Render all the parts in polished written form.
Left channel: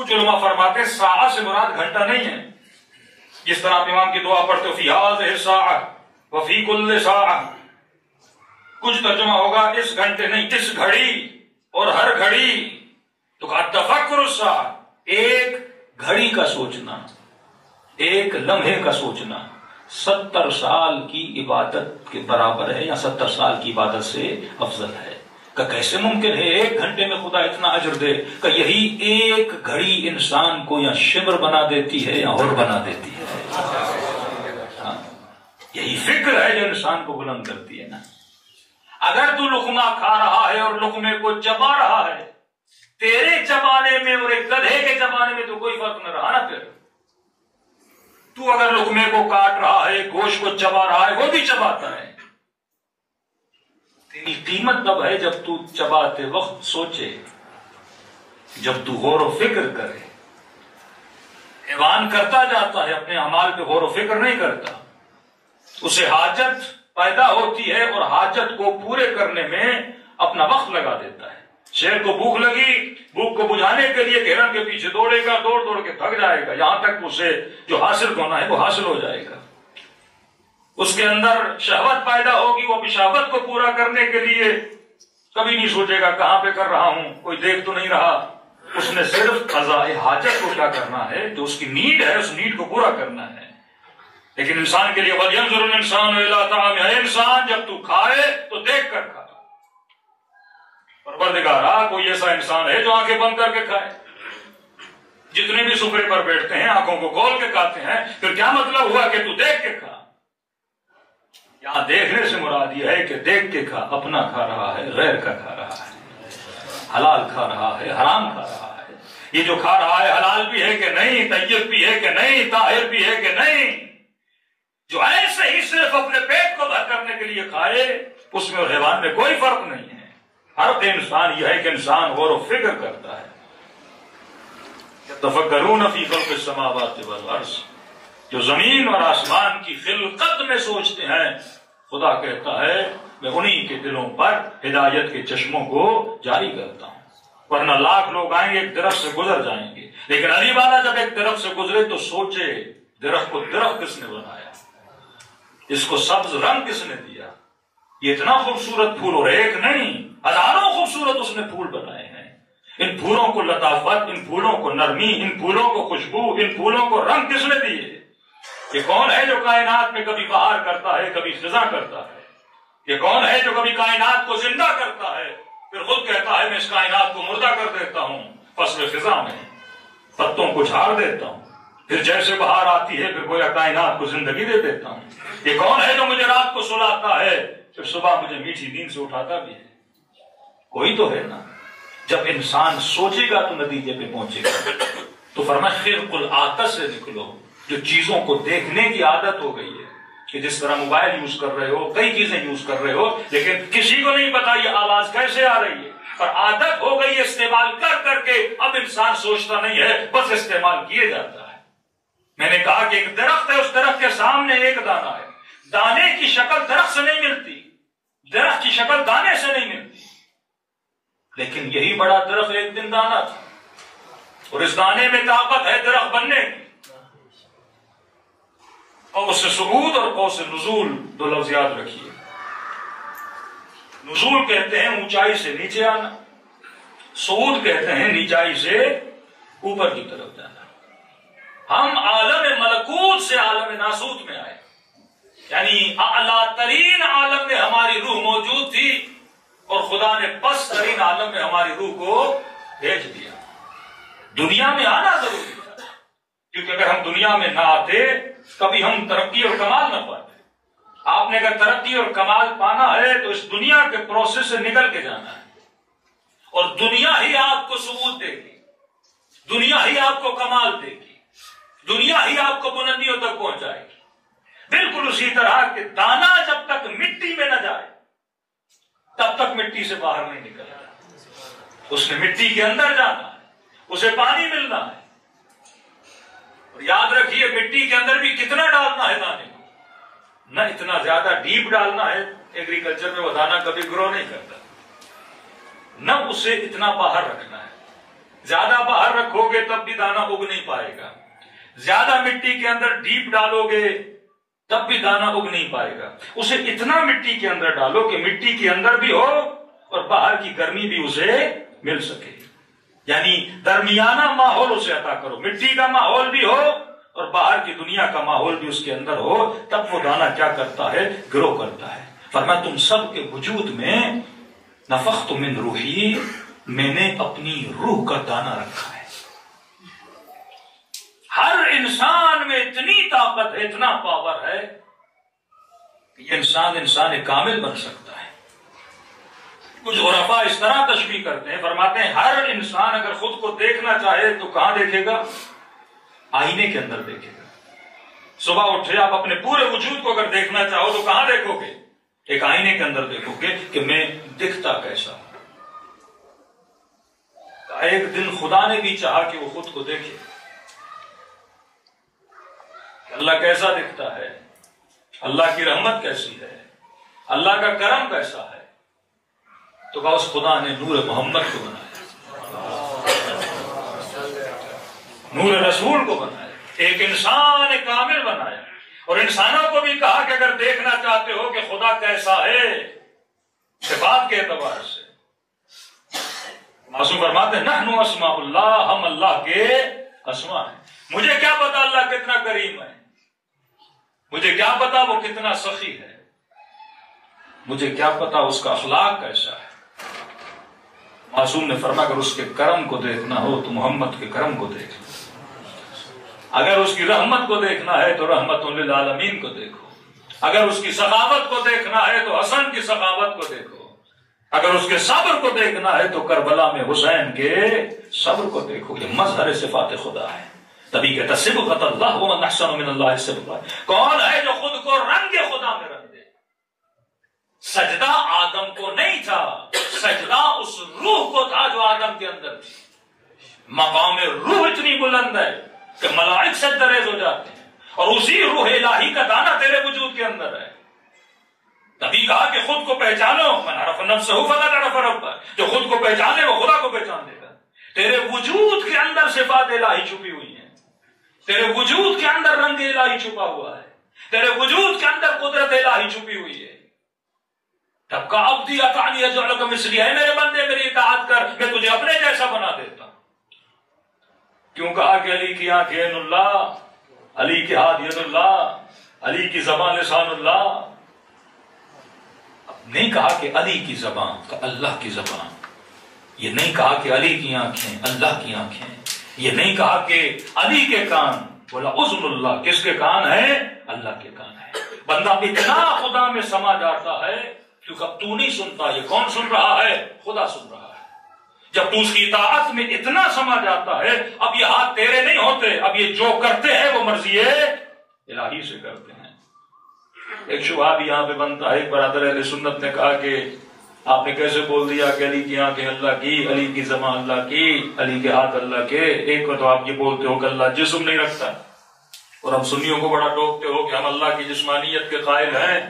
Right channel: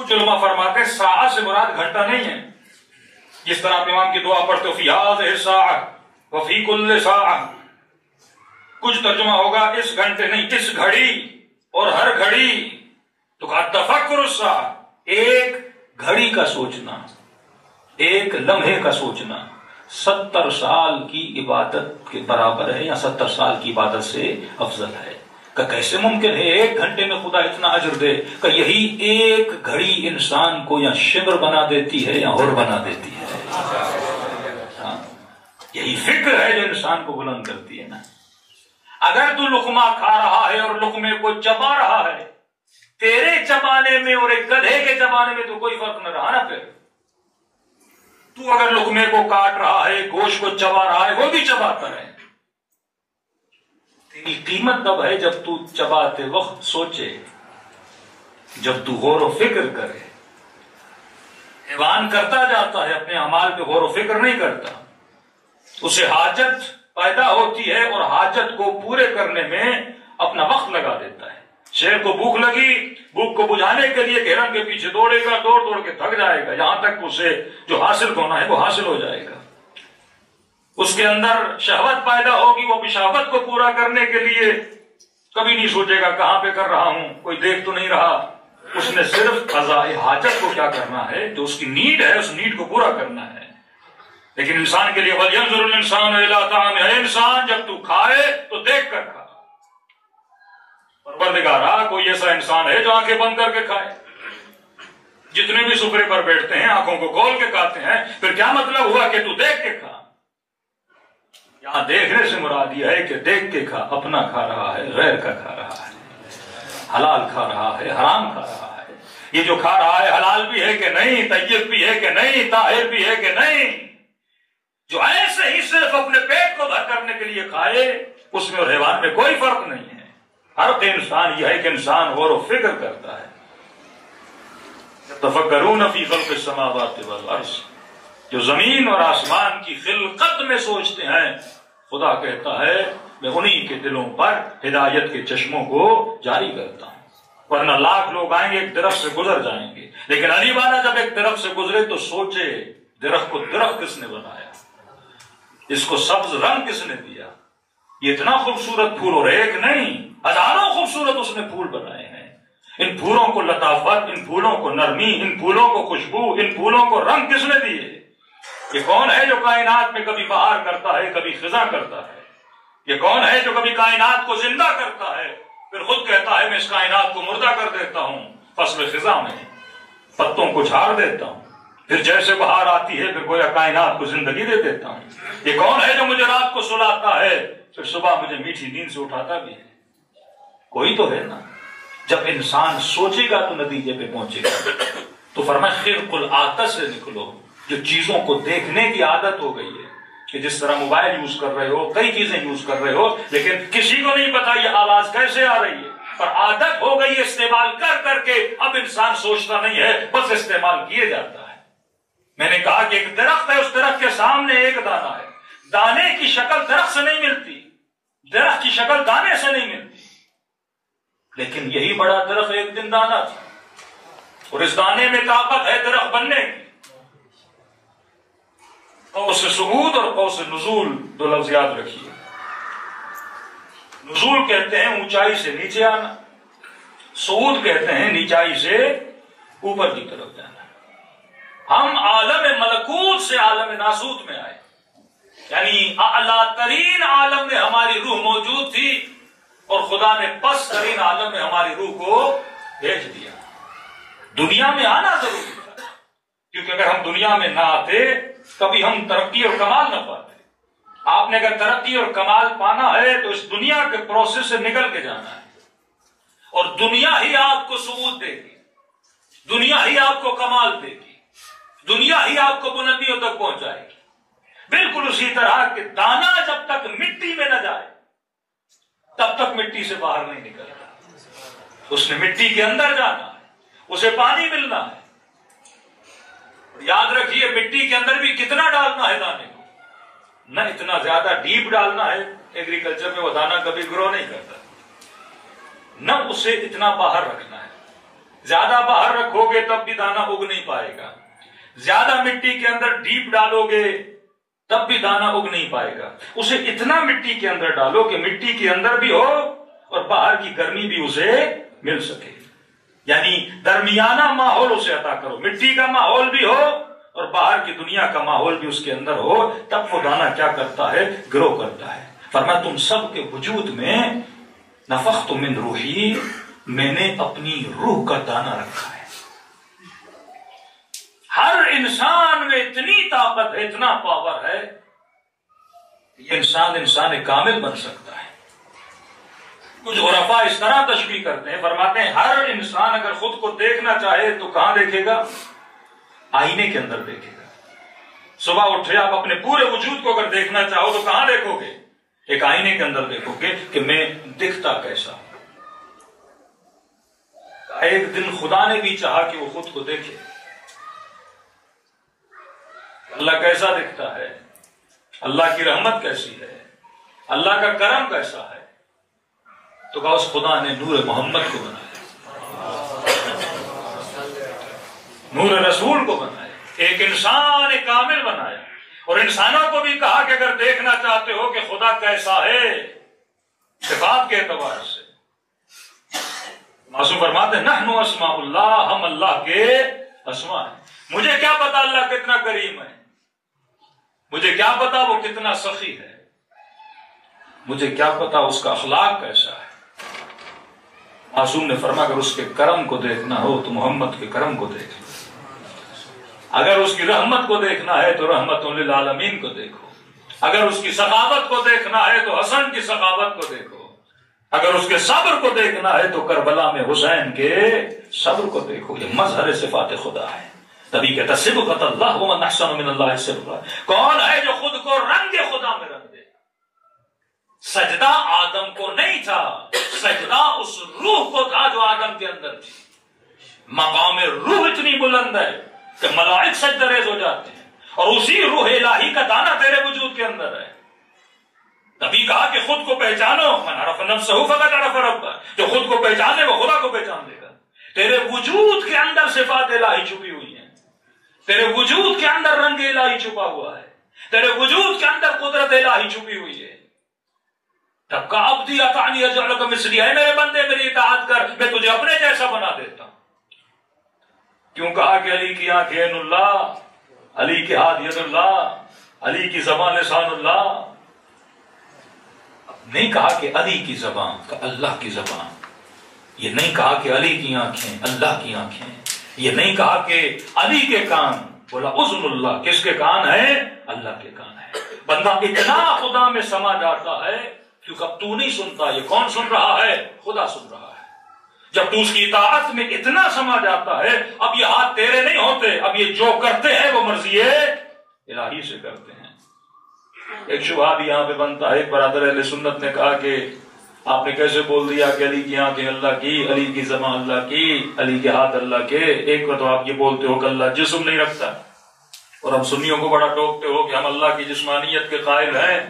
کچھ علماء فرماتے ہیں ساعت سے مراد گھنٹہ نہیں ہے، جس طرح آپ امام کی دعا پڑھتے ہو فی ہذہ الساعۃ وفی کل ساعۃ، کچھ ترجمہ ہوگا اس گھنٹے نہیں، اس گھڑی اور ہر گھڑی، تو کہا تفکر الساعۃ، ایک گھڑی کا سوچنا، ایک لمحے کا سوچنا 70 سال کی عبادت کے برابر ہے یا 70 سال کی عبادت سے افضل ہے۔ کہ کیسے ممکن ہے ایک گھنٹے میں خدا اتنا اجر دے؟ کہ یہی ایک گھڑی انسان کو یا شبر بنا دیتی ہے یا اور بنا دیتی ہے۔ یہی فکر ہے جو انسان کو بلند کرتی ہے نا۔ اگر تو لقمہ کھا رہا ہے اور لقمے کو چبا رہا ہے، تیرے چبانے میں اور ایک گدھے کے چبانے میں تو کوئی فرق نہ رہا نا۔ پھر تو اگر لقمے کو کاٹ رہا ہے، گوشت کو چبا رہا ہے، وہ بھی چباتا ہے۔ تیری قیمت تب ہے جب تو چباتے وقت سوچے، جب تو غور و فکر کرے۔ ایوان کرتا جاتا ہے، اپنے اعمال پہ غور و فکر نہیں کرتا، اسے حاجت پیدا ہوتی ہے اور حاجت کو پورے کرنے میں اپنا وقت لگا دیتا ہے۔ شیر کو بھوک لگی، بھوک کو بجھانے کے لیے ہرن کے پیچھے دوڑے گا، دوڑ دوڑ کے تھک جائے گا، یہاں تک اسے جو حاصل ہونا ہے وہ حاصل ہو جائے گا۔ اس کے اندر شہوت پیدا ہوگی، وہ اپنی شہوت کو پورا کرنے کے لیے کبھی نہیں سوچے گا کہاں پہ کر رہا ہوں، کوئی دیکھ تو نہیں رہا۔ اس نے صرف قضاء حاجت کو کیا کرنا ہے، جو اس کی نیڈ ہے اس نیڈ کو پورا کرنا ہے۔ لیکن انسان کے لیے وَلْيَنْظُرِ الْإِنسَانُ إِلَىٰ طَعَامِهِ، اے انسان جب تو کھائے تو دیکھ کر کھا۔ پروردگارا کوئی ایسا انسان ہے جو آنکھیں بند کر کے کھائے؟ جتنے بھی سفرے پر بیٹھتے ہیں آنکھوں کو کھول کے کھاتے ہیں، پھر کیا مطلب ہوا کہ تو دیکھ کے کھا؟ یہاں دیکھنے سے مراد یہ ہے کہ دیکھ کے کھا، اپنا کھا رہا ہے، غیر کا کھا رہا ہے، حلال کھا رہا ہے، حرام کھا رہا ہے، یہ جو کھا رہا ہے حلال بھی ہے کہ نہیں، طیب بھی ہے کہ نہیں، طاہر بھی ہے کہ نہیں۔ جو ایسے ہی صرف اپنے پیٹ کو بھر کرنے کے لیے کھائے، اس میں اور حیوان میں کوئی فرق نہیں ہے۔ ہر انسان یہ ہے کہ انسان غور و فکر کرتا ہے۔ یتفکرون فی خلق السماوات والارض، جو زمین اور آسمان کی خلقت میں سوچتے ہیں، خدا کہتا ہے میں انہی کے دلوں پر ہدایت کے چشموں کو جاری کرتا ہوں۔ ورنہ لاکھ لوگ آئیں گے ایک درخت سے گزر جائیں گے، لیکن علی والا جب ایک درخت سے گزرے تو سوچے درخت کو درخت کس نے بنایا، اس کو سبز رنگ کس نے دیا، یہ اتنا خوبصورت پھول، اور ایک نہیں ہزاروں خوبصورت اس نے پھول بنائے ہیں۔ ان پھولوں کو لطافت، ان پھولوں کو نرمی، ان پھولوں کو خوشبو، ان پھولوں کو رنگ کس نے دیے؟ یہ کون ہے جو کائنات میں کبھی بہار کرتا ہے، کبھی خزاں کرتا ہے؟ یہ کون ہے جو کبھی کائنات کو زندہ کرتا ہے، پھر خود کہتا ہے میں اس کائنات کو مردہ کر دیتا ہوں، فصل خزاں میں پتوں کو جھاڑ دیتا ہوں، پھر جیسے بہار آتی ہے پھر گویا کائنات کو زندگی دے دیتا ہوں۔ یہ کون ہے جو مجھے رات کو سلاتا ہے پھر صبح مجھے میٹھی نیند سے اٹھاتا بھی ہے؟ کوئی تو ہے نا۔ جب انسان سوچے گا تو نتیجے پہ پہنچے گا۔ تو فرمایا خرق العادت سے نکلو، جو چیزوں کو دیکھنے کی عادت ہو گئی ہے، کہ جس طرح موبائل یوز کر رہے ہو، کئی چیزیں یوز کر رہے ہو، لیکن کسی کو نہیں پتا یہ آواز کیسے آ رہی ہے، پر عادت ہو گئی استعمال کر کر کے، اب انسان سوچتا نہیں ہے، بس استعمال کیے جاتا ہے۔ میں نے کہا کہ ایک درخت ہے، اس درخت کے سامنے ایک دانہ ہے، دانے کی شکل درخت سے نہیں ملتی، درخت کی شکل دانے سے نہیں ملتی، لیکن یہی بڑا درخت ایک دن دانا تھا، اور اس دانے میں طاقت ہے درخت بننے کی۔ قوس صعود اور قوس نزول دو لفظ یاد رکھیے۔ نزول کہتے ہیں اونچائی سے نیچے آنا، صعود کہتے ہیں نیچائی سے اوپر کی طرف جانا۔ ہم عالم ملکوت سے عالم ناسوت میں آئے، یعنی اعلیٰ ترین عالم میں ہماری روح موجود تھی اور خدا نے پس ترین عالم میں ہماری روح کو بھیج دیا۔ دنیا میں آنا ضروری تھا، کیونکہ اگر ہم دنیا میں نہ آتے کبھی ہم ترقی اور کمال نہ پاتے۔ آپ نے اگر ترقی اور کمال پانا ہے تو اس دنیا کے پروسیس سے نکل کے جانا ہے، اور دنیا ہی آپ کو ثبوت دے گی، دنیا ہی آپ کو کمال دے گی، دنیا ہی آپ کو بلندیوں تک پہنچائے گی۔ بالکل اسی طرح کہ دانا جب تک مٹی میں نہ جائے تب تک مٹی سے باہر نہیں نکلتا، اس نے مٹی کے اندر جانا ہے، اسے پانی ملنا ہے۔ اور یاد رکھیے مٹی کے اندر بھی کتنا ڈالنا ہے دانے کو، نہ اتنا زیادہ ڈیپ ڈالنا ہے، ایگریکلچر میں وہ دانا کبھی گرو نہیں کرتا، نہ اسے اتنا باہر رکھنا ہے، زیادہ باہر رکھو گے تب بھی دانا اگ نہیں پائے گا، زیادہ مٹی کے اندر ڈیپ ڈالو گے تب بھی دانا اگ نہیں پائے گا. اسے اتنا مٹی کے اندر ڈالو کہ مٹی کے اندر بھی ہو اور باہر کی گرمی بھی اسے مل سکے. یعنی درمیانہ ماحول اسے عطا کرو، مٹی کا ماحول بھی ہو اور باہر کی دنیا کا ماحول بھی اس کے اندر ہو، تب وہ دانا کیا کرتا ہے؟ گرو کرتا ہے. فرمایا تم سب کے وجود میں نفخت من روحی، میں نے اپنی روح کا دانا رکھا ہے. ہر انسان میں اتنی طاقت ہے، اتنا پاور ہے کہ یہ انسان کامل بن سکتا ہے. کچھ عرفاء اس طرح تشریح کرتے ہیں، فرماتے ہیں ہر انسان اگر خود کو دیکھنا چاہے تو کہاں دیکھے گا؟ آئینے کے اندر دیکھے گا. صبح اٹھے آپ اپنے پورے وجود کو اگر دیکھنا چاہو تو کہاں دیکھو گے؟ ایک آئینے کے اندر دیکھو گے کہ میں دکھتا کیسا ہوں. ایک دن خدا نے بھی چاہا کہ وہ خود کو دیکھے اللہ کیسا دکھتا ہے، اللہ کی رحمت کیسی ہے، اللہ کا کرم کیسا ہے، تو کہا اس خدا نے نور محمد کو بنایا، نور رسول کو بنایا، ایک انسان کامل بنایا. اور انسانوں کو بھی کہا کہ اگر دیکھنا چاہتے ہو کہ خدا کیسا ہے صفات کے اعتبار سے، معصوم فرماتے ہیں نحن اسماء اللہ، ہم اللہ کے اسماء ہیں. مجھے کیا پتا اللہ کتنا کریم ہے، مجھے کیا پتا وہ کتنا سخی ہے، مجھے کیا پتا اس کا اخلاق کیسا ہے. معصوم نے فرمایا اگر اس کے کرم کو دیکھنا ہو تو محمد کے کرم کو دیکھ لو، اگر اس کی رحمت کو دیکھنا ہے تو رحمت للعالمین کو دیکھو، اگر اس کی سخاوت کو دیکھنا ہے تو حسن کی سخاوت کو دیکھو، اگر اس کے صبر کو دیکھنا ہے تو کربلا میں حسین کے صبر کو دیکھو. یہ مظہر صفات خدا ہے. تبھی کہتا صبغۃ اللہ ومن احسن من اللہ صبغہ. کون ہے جو خود کو رنگ خدا میں رنگ دے؟ سجدہ آدم کو نہیں تھا، سجدہ اس روح کو تھا جو آدم کے اندر تھی. مقام روح اتنی بلند ہے کہ ملائک سجدہ ریز ہو جاتے ہیں، اور اسی روح الہی کا دانا تیرے وجود کے اندر ہے. تبھی کہا کہ خود کو پہچانو، من عرف نفسہ فقد عرف ربہ. جو خود کو پہچانے وہ خدا کو پہچان لے گا. تیرے وجود کے اندر صفات الہی چھپی ہوئی ہیں، تیرے وجود کے اندر رنگ الہی چھپا ہوا ہے، تیرے وجود کے اندر قدرت الہی چھپی ہوئی ہے. تب کا عبدی اطعنی اجعلک مثلی، ہے میرے بندے میری اطاعت کر، میں تجھے اپنے جیسا بنا دیتا ہوں. کیوں کہا کہ علی کی آنکھیں عین اللہ، علی کے ہاتھ ید اللہ، علی کی زبان لسان اللہ. نہیں کہا کہ علی کی زبان کا اللہ کی زبان، یہ نہیں کہا کہ علی کی آنکھیں اللہ کی آنکھیں، یہ نہیں کہا کہ علی کے کان، بولا اذن اللہ، کس کے کان ہے؟ اللہ کے کان ہے. بندہ اتنا خدا میں سما جاتا ہے کیونکہ اب تو نہیں سنتا، یہ کون سن رہا ہے؟ خدا سن رہا ہے. جب تو اس کی اطاعت میں اتنا سما جاتا ہے، اب یہ ہاتھ تیرے نہیں ہوتے، اب یہ جو کرتے ہیں وہ مرضی الہی سے کرتے ہیں. ایک شبہ بھی یہاں پہ بنتا ہے. ایک برادر اہل سنت نے کہا کہ آپ نے کیسے بول دیا کہ علی کی آنکھیں اللہ کی، علی کی زبان اللہ کی، علی کے ہاتھ اللہ کے. ایک بار تو آپ یہ بولتے ہو کہ اللہ جسم نہیں رکھتا، اور ہم سنیوں کو بڑا ٹوکتے ہو کہ ہم اللہ کی جسمانیت کے قائل ہیں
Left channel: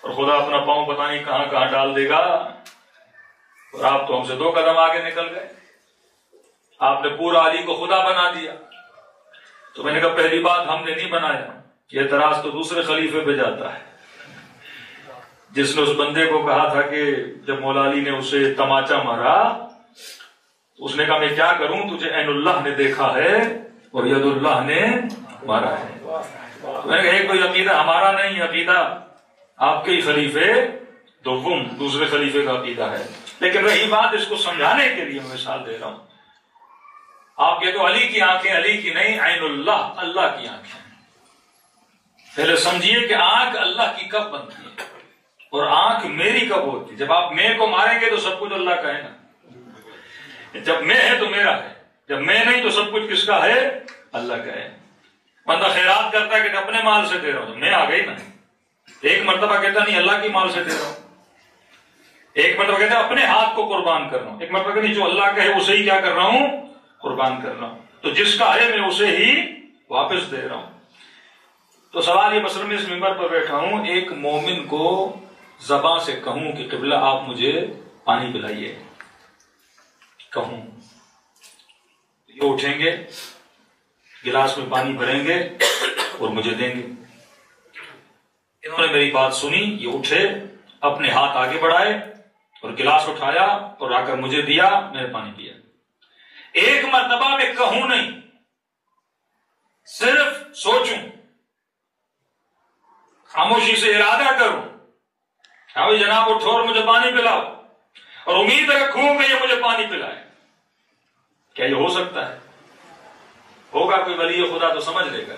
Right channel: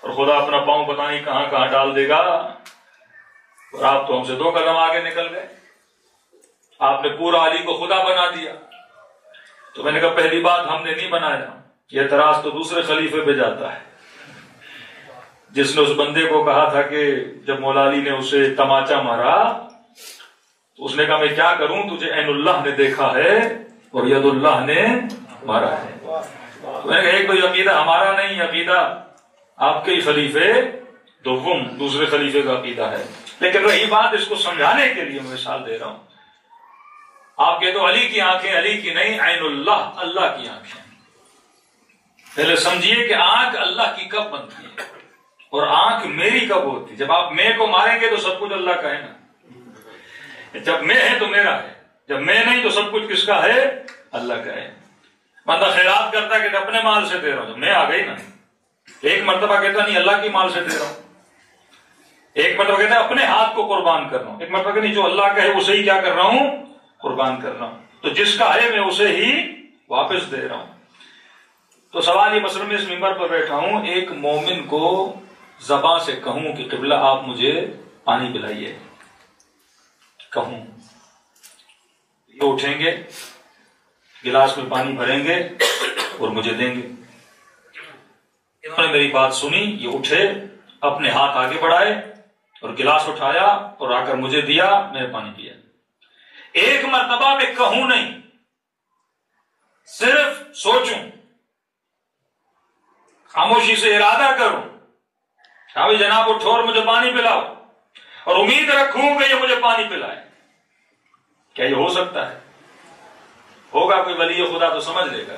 اور خدا اپنا پاؤں پتہ نہیں کہاں کہاں ڈال دے گا. اور آپ تو ہم سے 2 قدم آگے نکل گئے، آپ نے پورا علی کو خدا بنا دیا. تو میں نے کہا پہلی بات ہم نے نہیں بنایا، یہ اعتراض تو دوسرے خلیفے پہ جاتا ہے جس نے اس بندے کو کہا تھا کہ جب مولا علی نے اسے تماچا مارا تو اس نے کہا میں کیا کروں، تجھے عین اللہ نے دیکھا ہے اور ید اللہ نے مارا ہے. میں نے کہا ایک تو عقیدہ ہمارا نہیں، عقیدہ آپ کے ہی خلیفے دوم دوسرے خلیفے کا عقیدہ ہے. لیکن رہی بات، اس کو سمجھانے کے لیے میں مثال دے رہا ہوں. آپ کہتے ہو علی کی آنکھیں، علی کی نہیں، عین اللہ، اللہ کی آنکھیں. پہلے سمجھیے کہ آنکھ اللہ کی کب بنتی ہے اور آنکھ میری کب ہوتی ہے. جب آپ میں کو ماریں گے تو سب کچھ اللہ کا ہے نا. جب میں ہے تو میرا ہے، جب میں نہیں تو سب کچھ کس کا ہے؟ اللہ کا ہے. بندہ خیرات کرتا ہے کہ اپنے مال سے دے رہا ہوں، میں آ گئی نا. ایک مرتبہ کہتا نہیں اللہ کی مال سے دے رہا ہوں، ایک مرتبہ کہتا ہے اپنے ہاتھ کو قربان کر رہا ہوں، ایک مرتبہ کہ نہیں جو اللہ کا ہے اسے ہی کیا کر رہا ہوں؟ قربان کر رہا ہوں. تو جس کا ہے میں اسے ہی واپس دے رہا ہوں. تو سوال یہ، مثلا میں اس ممبر پر بیٹھا ہوں، ایک مومن کو زبان سے کہوں کہ قبلہ آپ مجھے پانی پلائیے، کہوں وہ اٹھیں گے، گلاس میں پانی بھریں گے اور مجھے دیں گے۔ انہوں نے میری بات سنی، یہ اٹھے، اپنے ہاتھ آگے بڑھائے اور گلاس اٹھایا اور آ کر مجھے دیا، میں نے پانی پیا۔ ایک مرتبہ میں کہوں نہیں، صرف سوچوں، خاموشی سے ارادہ کروں، بھائی جناب اٹھو اور مجھے پانی پلاؤ، اور امید رکھوں کہ یہ مجھے پانی پلائے۔ کیا یہ ہو سکتا ہے؟ ہوگا کوئی ولی خدا تو سمجھ لے گا۔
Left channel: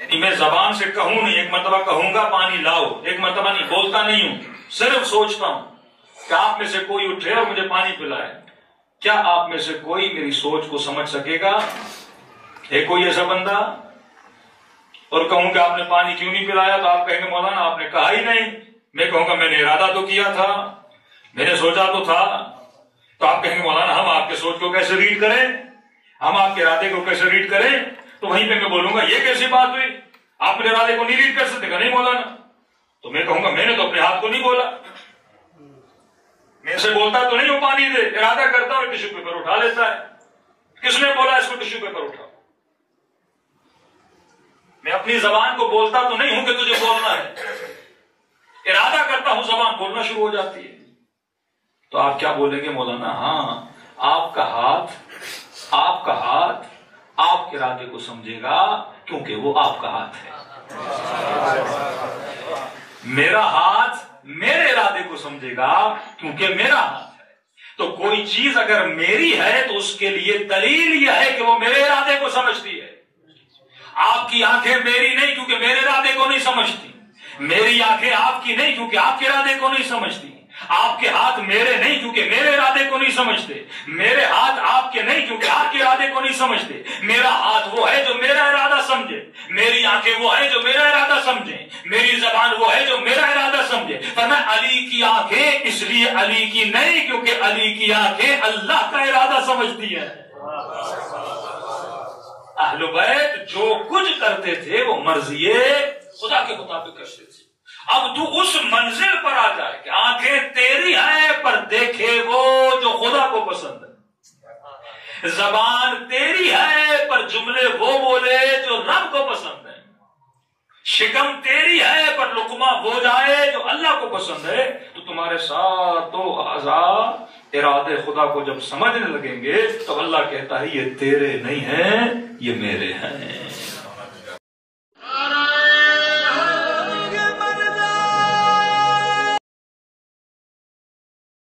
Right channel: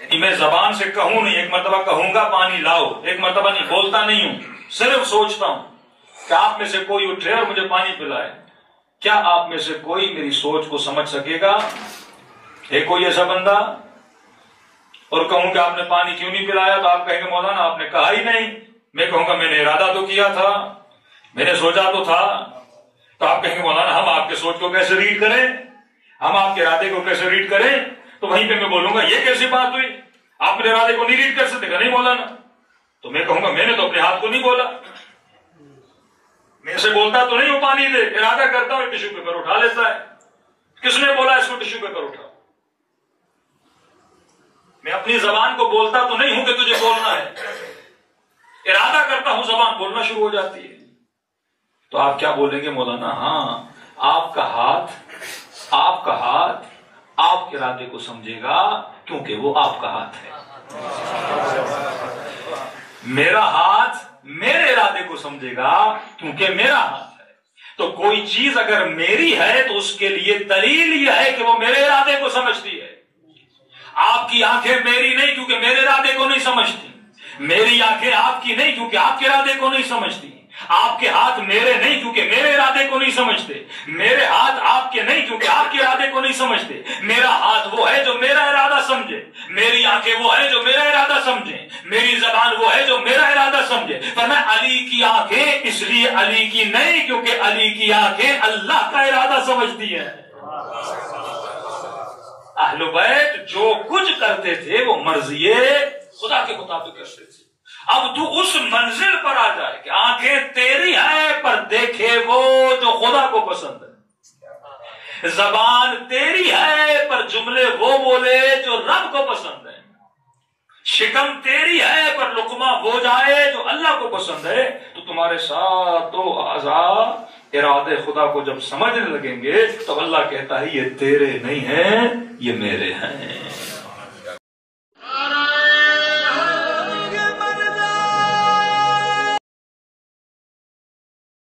یعنی میں زبان سے کہوں نہیں، ایک مرتبہ کہوں گا پانی لاؤ، ایک مرتبہ نہیں، بولتا نہیں ہوں، صرف سوچتا ہوں کہ آپ میں سے کوئی اٹھے اور مجھے پانی پلائے۔ کیا آپ میں سے کوئی میری سوچ کو سمجھ سکے گا؟ ہے کوئی ایسا بندہ؟ اور کہوں کہ آپ نے پانی کیوں نہیں پلایا تو آپ کہیں گے مولانا آپ نے کہا ہی نہیں۔ میں کہوں گا میں نے ارادہ تو کیا تھا، میں نے سوچا تو تھا۔ تو آپ کہیں گے مولانا ہم آپ کے سوچ کو کیسے ریڈ کریں، ہم آپ کے ارادے کو کیسے ریڈ کریں؟ تو وہیں پہ میں بولوں گا یہ کیسی بات ہوئی، آپ نے ارادے کو نہیں ریڈ کر سکتے؟ نہیں مولانا۔ تو میں کہوں گا میں نے تو اپنے ہاتھ کو نہیں بولا، میں سے بولتا تو نہیں ہوں پانی دے، ارادہ کرتا ہوں ٹیشو پیپر اٹھا لیتا ہے۔ کس نے بولا اس کو ٹیشو پیپر اٹھاؤ؟ میں اپنی زبان کو بولتا تو نہیں ہوں کہ تجھے بولنا ہے، ارادہ کرتا ہوں، زبان بولنا شروع ہو جاتی ہے۔ تو آپ کیا بولیں گے مولانا؟ ہاں آپ کا ہاتھ آپ کے ارادے کو سمجھے گا کیونکہ وہ آپ کا ہاتھ ہے، میرا ہاتھ میرے ارادے کو سمجھے گا کیونکہ میرا ہاتھ ہے۔ تو کوئی چیز اگر میری ہے تو اس کے لیے دلیل یہ ہے کہ وہ میرے ارادے کو سمجھتی ہے۔ آپ کی آنکھیں میری نہیں کیونکہ میرے ارادے کو نہیں سمجھتی، میری آنکھیں آپ کی نہیں کیونکہ آپ کے ارادے کو نہیں سمجھتی، آپ کے ہاتھ میرے نہیں کیونکہ میرے ارادے کو نہیں سمجھتے، میرے ہاتھ آپ کے نہیں کیونکہ آپ کے ارادے کو نہیں سمجھتے۔ میرا ہاتھ وہ ہے جو میرا ارادہ سمجھے، میری آنکھیں وہ ہے جو میرا ارادہ سمجھیں، میری زبان وہ ہے جو میرا ارادہ سمجھے۔ پر میں علی کی آنکھیں اس لیے علی کی نہیں کیونکہ علی کی آنکھیں اللہ کا ارادہ سمجھتی ہے۔ اہل بیت جو کچھ کرتے تھے وہ مرضی خدا کے مطابق کرتے تھے۔ اب تو اس منزل پر آ جائے کہ آنکھیں تیری ہیں پر دیکھے وہ جو خدا کو پسند ہے، زبان تیری ہے پر جملے وہ بولے جو رب کو پسند ہے، شکم تیری ہے پر لقمہ وہ جائے جو اللہ کو پسند ہے۔ تو تمہارے ساتھ اعضاء ارادے خدا کو جب سمجھنے لگیں گے تو اللہ کہتا ہے یہ تیرے نہیں ہیں، یہ میرے ہیں۔